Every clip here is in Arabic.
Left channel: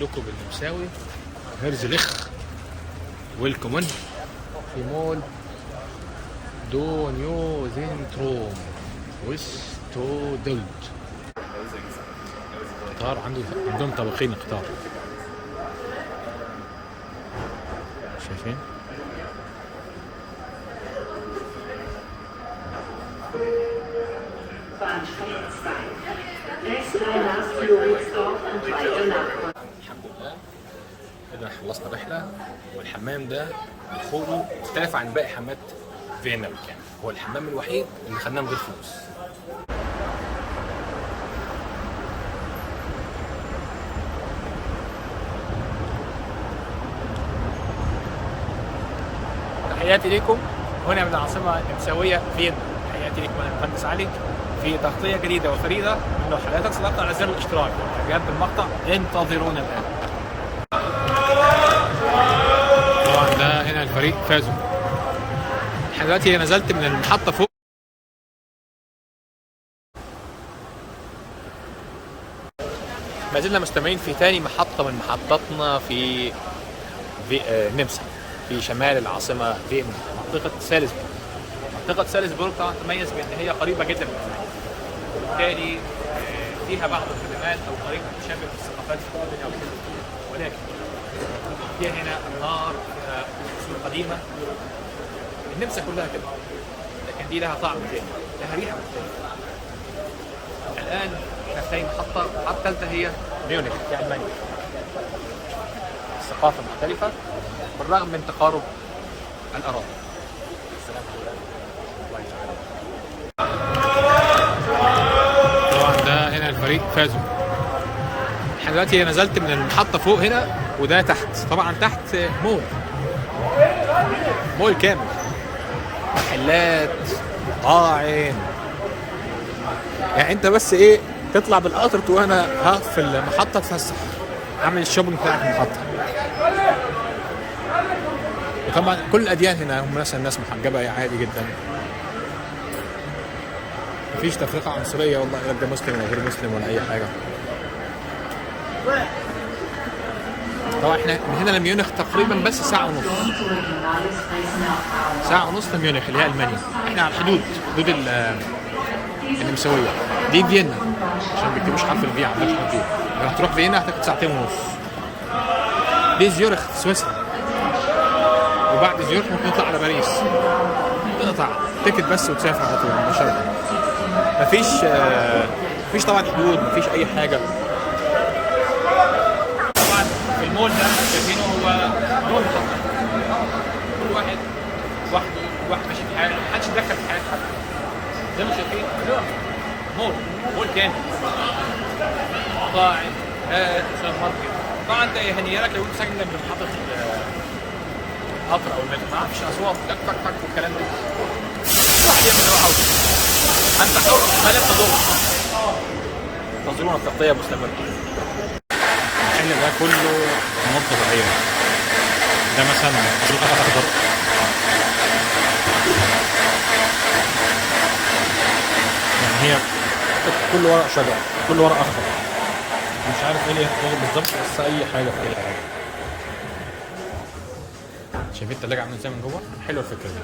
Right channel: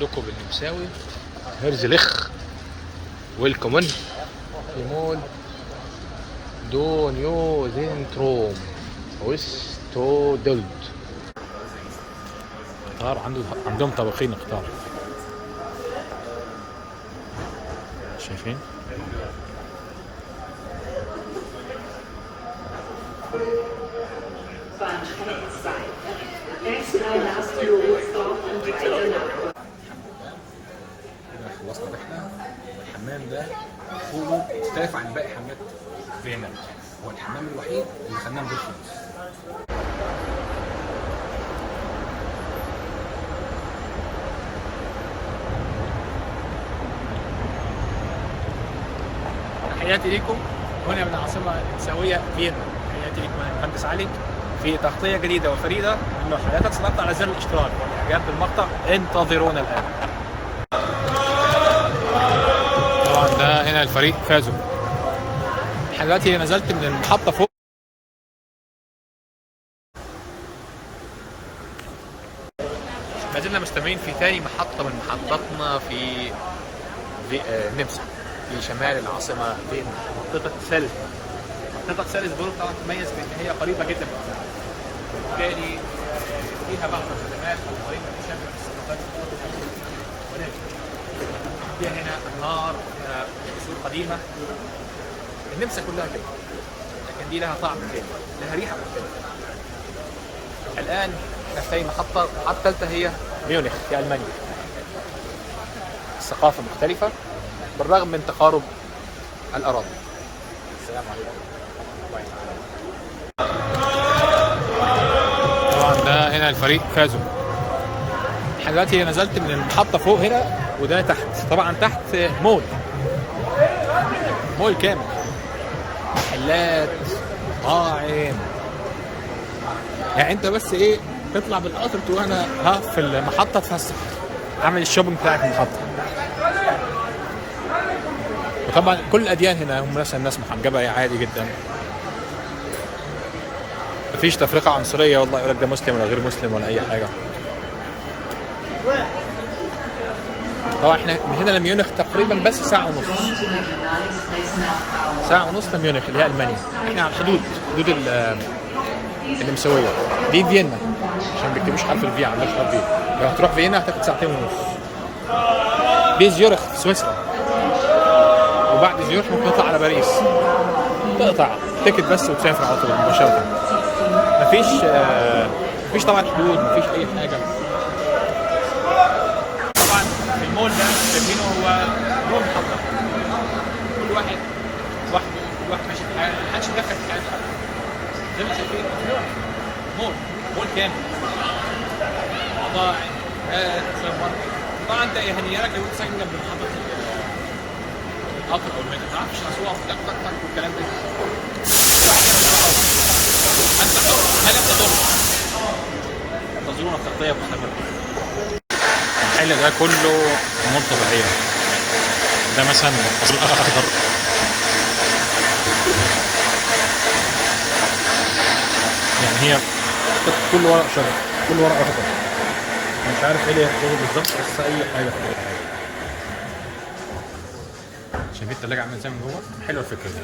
لكم بالنمساوي هيرزليخ ويلكمن في مول دو نيو زينتروم ويستو دولد. قطار عندهم طبقين قطار، شايفين؟ كده خلصنا رحلة، والحمام ده دخوله مختلف عن باقي حمامات فيينا، يعني هو الحمام الوحيد اللي خدناه من غير فلوس. تحياتي لكم هنا من العاصمة النمساوية فيينا. تحياتي لكم أنا المهندس علي في تغطية جديدة وفريدة من نوعها. لا تنسوا الضغط على زر الاشتراك والإعجاب بالمقطع. انتظرونا الآن. طبعا ده هنا الفريق فازوا. دلوقتي نزلت من المحطة فوق، ما زلنا مستمرين في ثاني محطة من محطاتنا في النمسا في شمال العاصمة فيينا، منطقة سالزبورغ. منطقة سالزبورغ طبعا تتميز بأن هي قريبة جدا من فيينا، وبالتالي فيها بعض الخدمات أو قريبة تشابه الثقافات في الأدنى أو ولكن فيها هنا أنهار، فيها قصور قديمة. النمسا كلها كده، لكن دي لها طعم تاني، لها ريحة مختلفة. الآن احنا في ثاني محطة، المحطة الثالثة هي ميونخ في ألمانيا. الثقافة مختلفة بالرغم من تقارب الأراضي. السلام عليكم ورحمة الله تعالى وبركاته. طبعا ده هنا الفريق فازوا. احنا دلوقتي نزلت من المحطة فوق هنا، وده تحت. طبعا تحت مول كامل، محلات، مطاعم. يعني انت بس ايه تطلع بالقطر تقول انا هقف في المحطة اتفسح، اعمل الشوبينج بتاعك في المحطة. وطبعا كل الاديان هنا هم مثلا ناس محجبة عادي جدا، مفيش تفرقة عنصرية والله يقول لك ده مسلم ولا غير مسلم ولا اي حاجة. طبعا احنا من هنا لميونخ تقريبا بس ساعة ونص. ساعة ونص لميونخ اللي هي ألمانيا. احنا على الحدود، حدود النمساوية. دي فيينا عشان ما بيكتبوش حرف الفي، عندك حرف في. لو هتروح فيينا هتاخد ساعتين ونص. دي زيورخ في سويسرا، وبعد زيورخ ممكن تطلع على باريس، تقطع تيكت بس وتسافر على طول مباشرة. مفيش طبعا حدود، مفيش أي حاجة. طبعا المول ده شايفينه هو نوع محطة، كل واحد لوحده، كل واحد ماشي في حاله، محدش يدخل في حياة حد. زي ما شايفين مول كامل، مطاعم، سوبر ماركت. طبعا انت يهنيلك لو انت ساكن جنب محطة القطر او المترو، ما اعرفش اصوات تك تك تك والكلام ده. واحد يعمل اللي هو عاوزه، انت حر ما لم تضر. انتظرونا التغطية مستمرة. المحل ده كله امور طبيعيه. ده مثلا اخضر، يعني هي كل ورق شجر، كل ورق اخضر. مش عارف ايه اللي يحفظه بالظبط، بس اي حاجه في اي حاجه. شايفين التلاجة عامله ازاي من جوه؟ حلوه الفكره دي.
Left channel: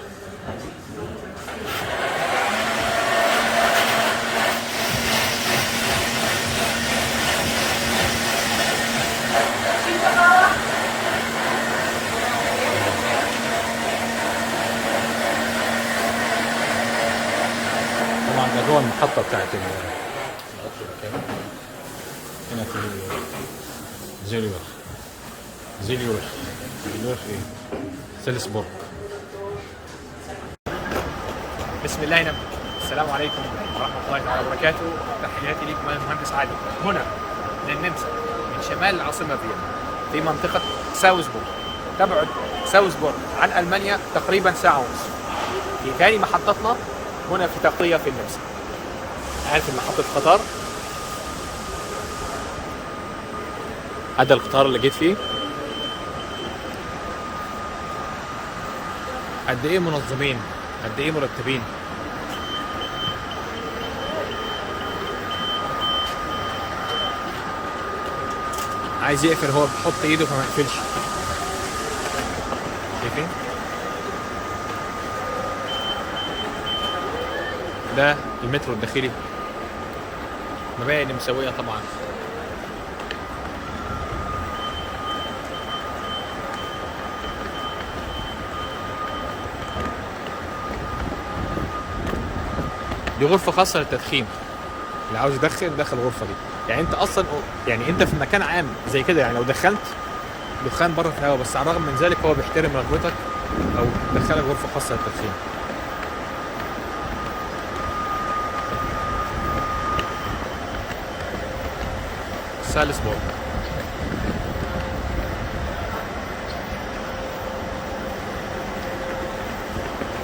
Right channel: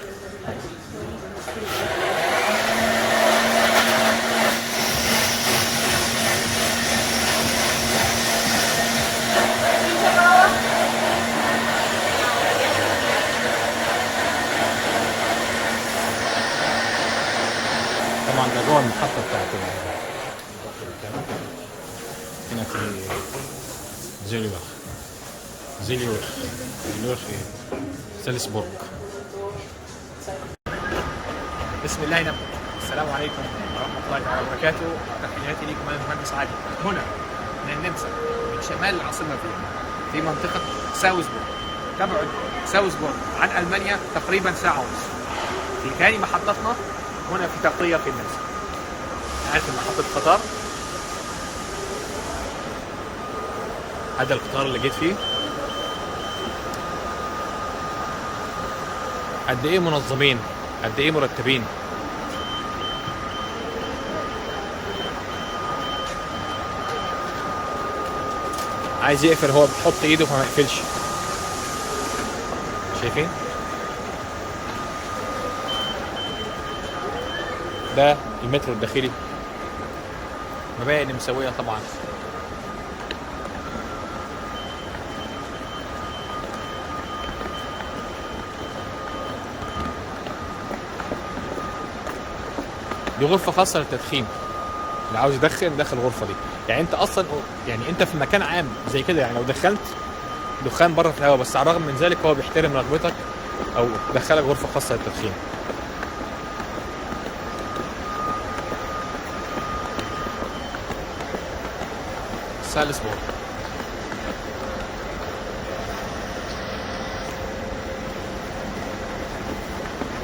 طبعا ده جوه المحطة بتاعت القطر الكامل. هنا في زيليورخ ايه؟ سالزبورغ. بسم الله نبدأ. السلام عليكم ورحمة الله تعالى وبركاته. تحياتي لكم أنا المهندس علي هنا من النمسا، من شمال العاصمة فيينا، في منطقة ساوزبورغ. تبعد ساوزبورغ عن ألمانيا تقريبا ساعة ونص. في ثاني محطتنا هنا في تغطية في النمسا. عارف محطة القطار؟ هذا القطار اللي جيت فيه. قد ايه منظمين، قد ايه مرتبين. عايز يقفل هو بيحط ايده فما يقفلش. شايفين؟ ده المترو الداخلي، مباني مسوية طبعا. دي غرفة خاصة للتدخين، اللي عاوز يدخن دخل الغرفة دي. يعني انت اصلا يعني انت في مكان عام زي كده، يعني لو دخلت دخان بره في الهواء، بس على الرغم من ذلك هو بيحترم رغبتك او دخلك غرفة خاصة للتدخين. سالزبورغ.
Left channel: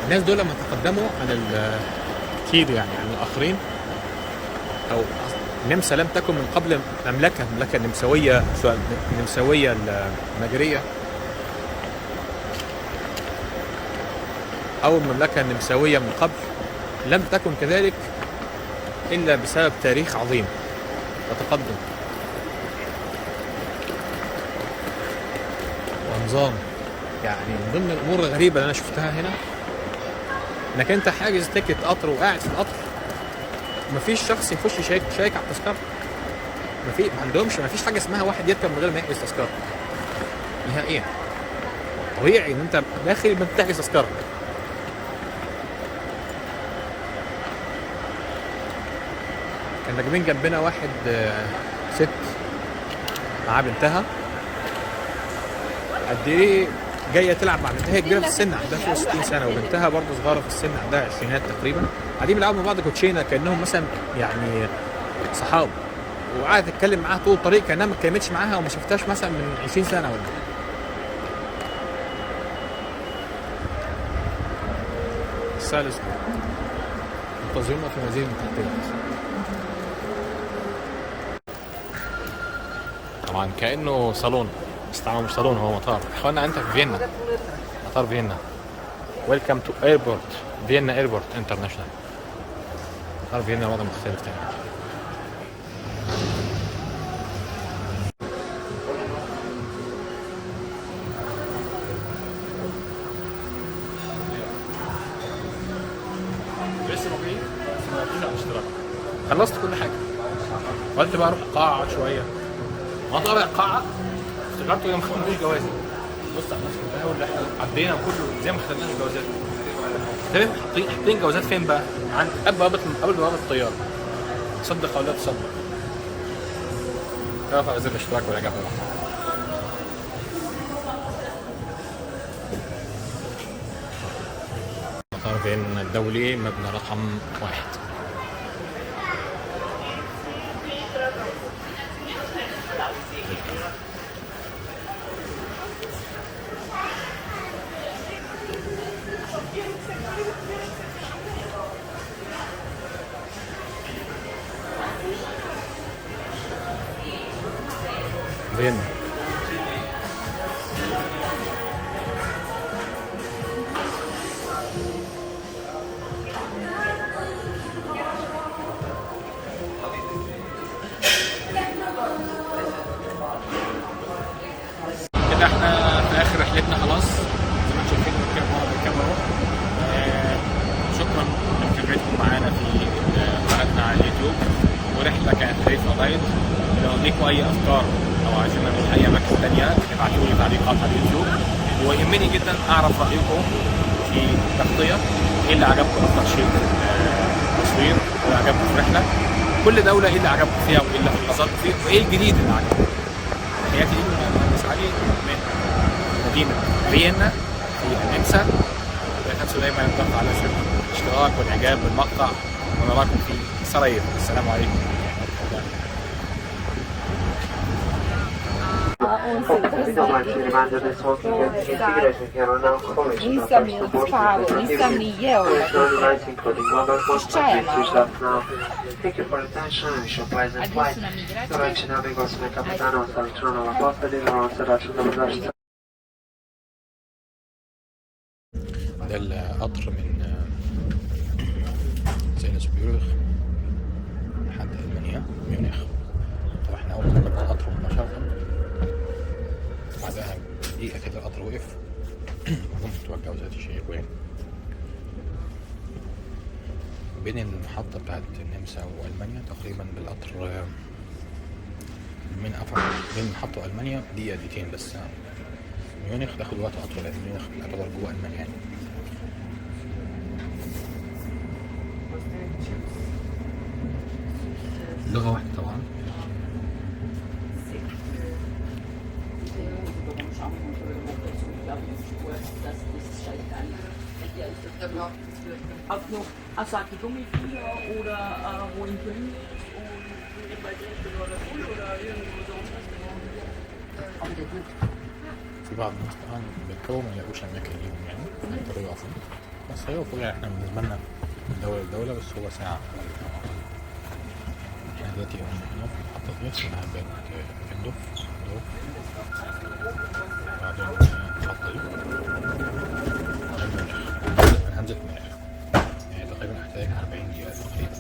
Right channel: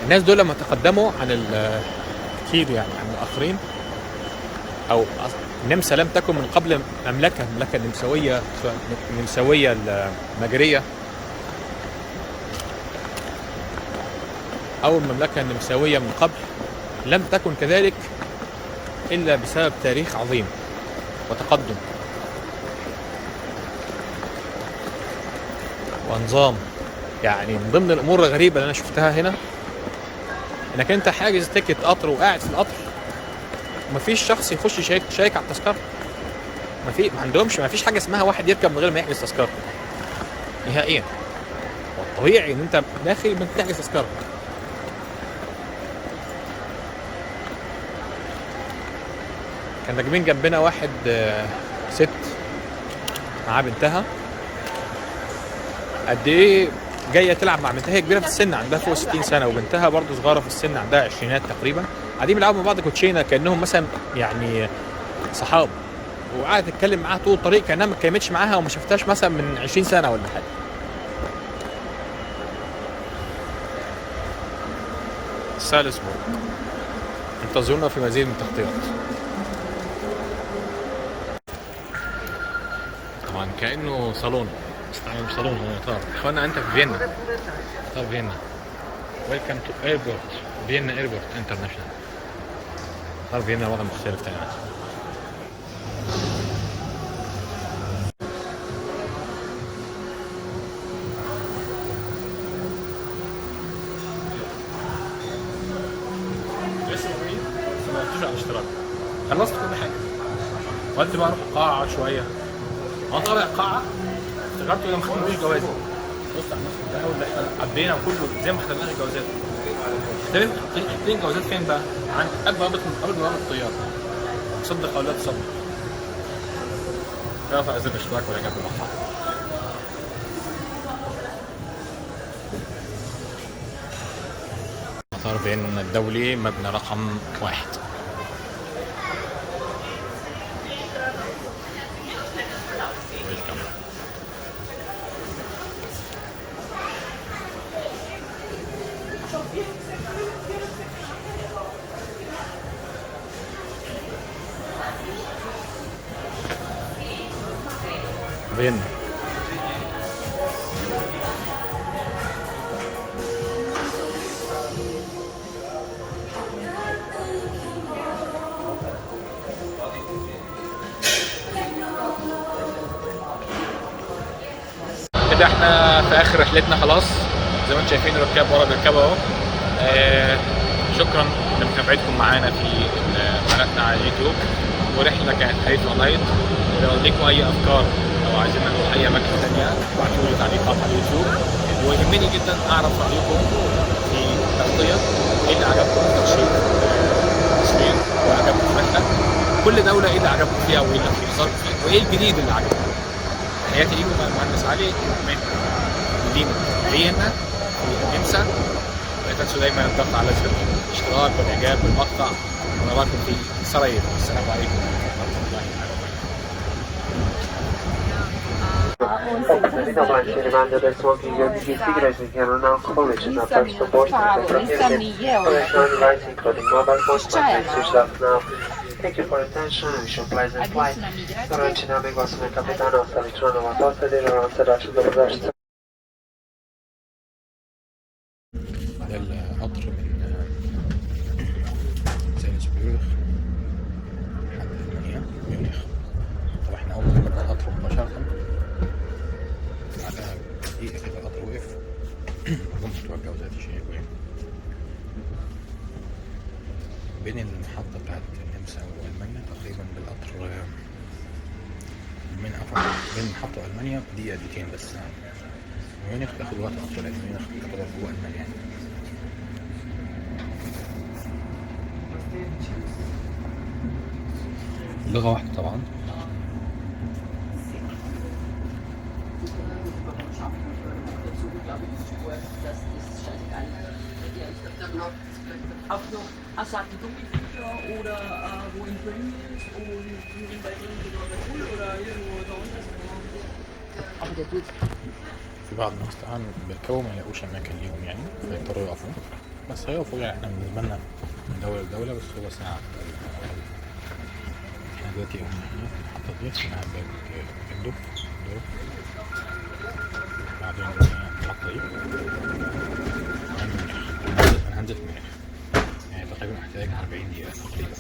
الناس دول لما تقدموا عن كتير يعني عن الاخرين، او النمسا لم تكن من قبل مملكه النمساويه، النمساويه المجريه او المملكه النمساويه من قبل، لم تكن كذلك الا بسبب تاريخ عظيم وتقدم ونظام. يعني من ضمن الامور الغريبه اللي انا شفتها هنا، انك انت حاجز تيكت قطر وقاعد في القطر ومفيش شخص يخش يشيك على التذكره. ما عندهمش، ما فيش حاجه اسمها واحد يركب من غير ما يحجز تذكره نهائيا. والطبيعي ان انت داخل ما تحجز تذكره. كان راكبين جنبنا واحد ست مع بنتها، قد ايه جايه تلعب مع بنتها. هي كبيره في السن، عندها فوق 60 سنه، وبنتها برضه صغيره في السن، عندها عشرينات تقريبا. قاعدين بيلعبوا مع بعض كوتشينه كانهم مثلا يعني صحاب، وقعدت تتكلم معاها طول الطريق كانها ما اتكلمتش معاها وما شفتهاش مثلا من 20 سنه ولا حاجه. سالزبورغ، انتظرونا في مزيد من التغطيات. طبعا كانه صالون، بس طبعا مش صالون، هو مطار. اخوانا انت في فيينا، مطار فيينا. ويلكم تو ايربورت فيينا، ايربورت انترناشونال. مطار فيينا وضع مختلف تماما. لسه موجودين، بس ما دفعتوش على الاشتراك. خلصت كل حاجه، قلت بقى اروح القاعه اقعد شويه. وانا طالع القاعه افتكرت ان ما خدناش جوازي. بص على الناس كلها واللي احنا عدينا وكله زي ما خدناش الجوازات. تمام، حاطين جوازات فين بقى؟ عند قبل بوابه الطياره. تصدق او لا تصدق؟ ارفع زر الاشتراك والاعجاب بالمقطع. مطار فيينا الدولي، مبنى رقم 1. ويلكم. فيينا. كده احنا في اخر رحلتنا خلاص، زي ما انتم شايفين الركاب ورا بيركبوا اهو. شكرا لمتابعتكم معانا في قناتنا على اليوتيوب، ورحله كانت خفيفه لايت. ولو ليكم اي افكار او عايزين نروح اي اماكن ثانيه ابعتوا لي تعليقات على اليوتيوب. ويهمني جدا اعرف رايكم في التغطيه، ايه اللي عجبكم اكتر شيء في التصوير، وايه اللي عجبكم في الرحله، كل دوله ايه اللي عجبكم فيها وايه اللي حصلت فيه، وايه الجديد اللي عجبكم. تحياتي ليكم، انا المهندس علي من مدينه فيينا في النمسا. لا تنسوا دايما الضغط على زر الاشتراك والاعجاب بالمقطع، ونراكم في سرايير. السلام عليكم ورحمه الله تعالى. Thank you for your attention and wish you a pleasant flight. Gorący nabieg osmy kapitana ustawiczona na posady, gorące roczne dobrodziejstwo. ده القطر من سالزبورغ لحد ألمانيا ميونخ. طبعا احنا أول ما بدأنا القطر مباشرة أو ذات شيء يعني. بين المحطة بتاعت النمسا وألمانيا تقريبا بالقطر بين المحطة وألمانيا دقيقتين بس. ميونخ تاخد وقت أطول لأن ميونخ تعتبر جوه ألمانيا يعني. لغة واحدة طبعا. Auch noch Asaki Gummifliege oder wo in Köln ist und in Berlin oder Schule oder irgendwo sonst. في بعض الناس طبعا بيركبوا ما يلاقوش أماكن ليهم يعني فيضطروا يقفوا، بس هيقفوا يعني. احنا بالنسبة لنا من دولة لدولة بس هو ساعة تقريبا أو أقل. احنا دلوقتي هنا في المحطة دي اسمها بيت اندوف دورف، بعدين المحطة دي ميونخ. أنا هنزل في ميونخ يعني تقريبا هحتاج 40 دقيقة تقريبا.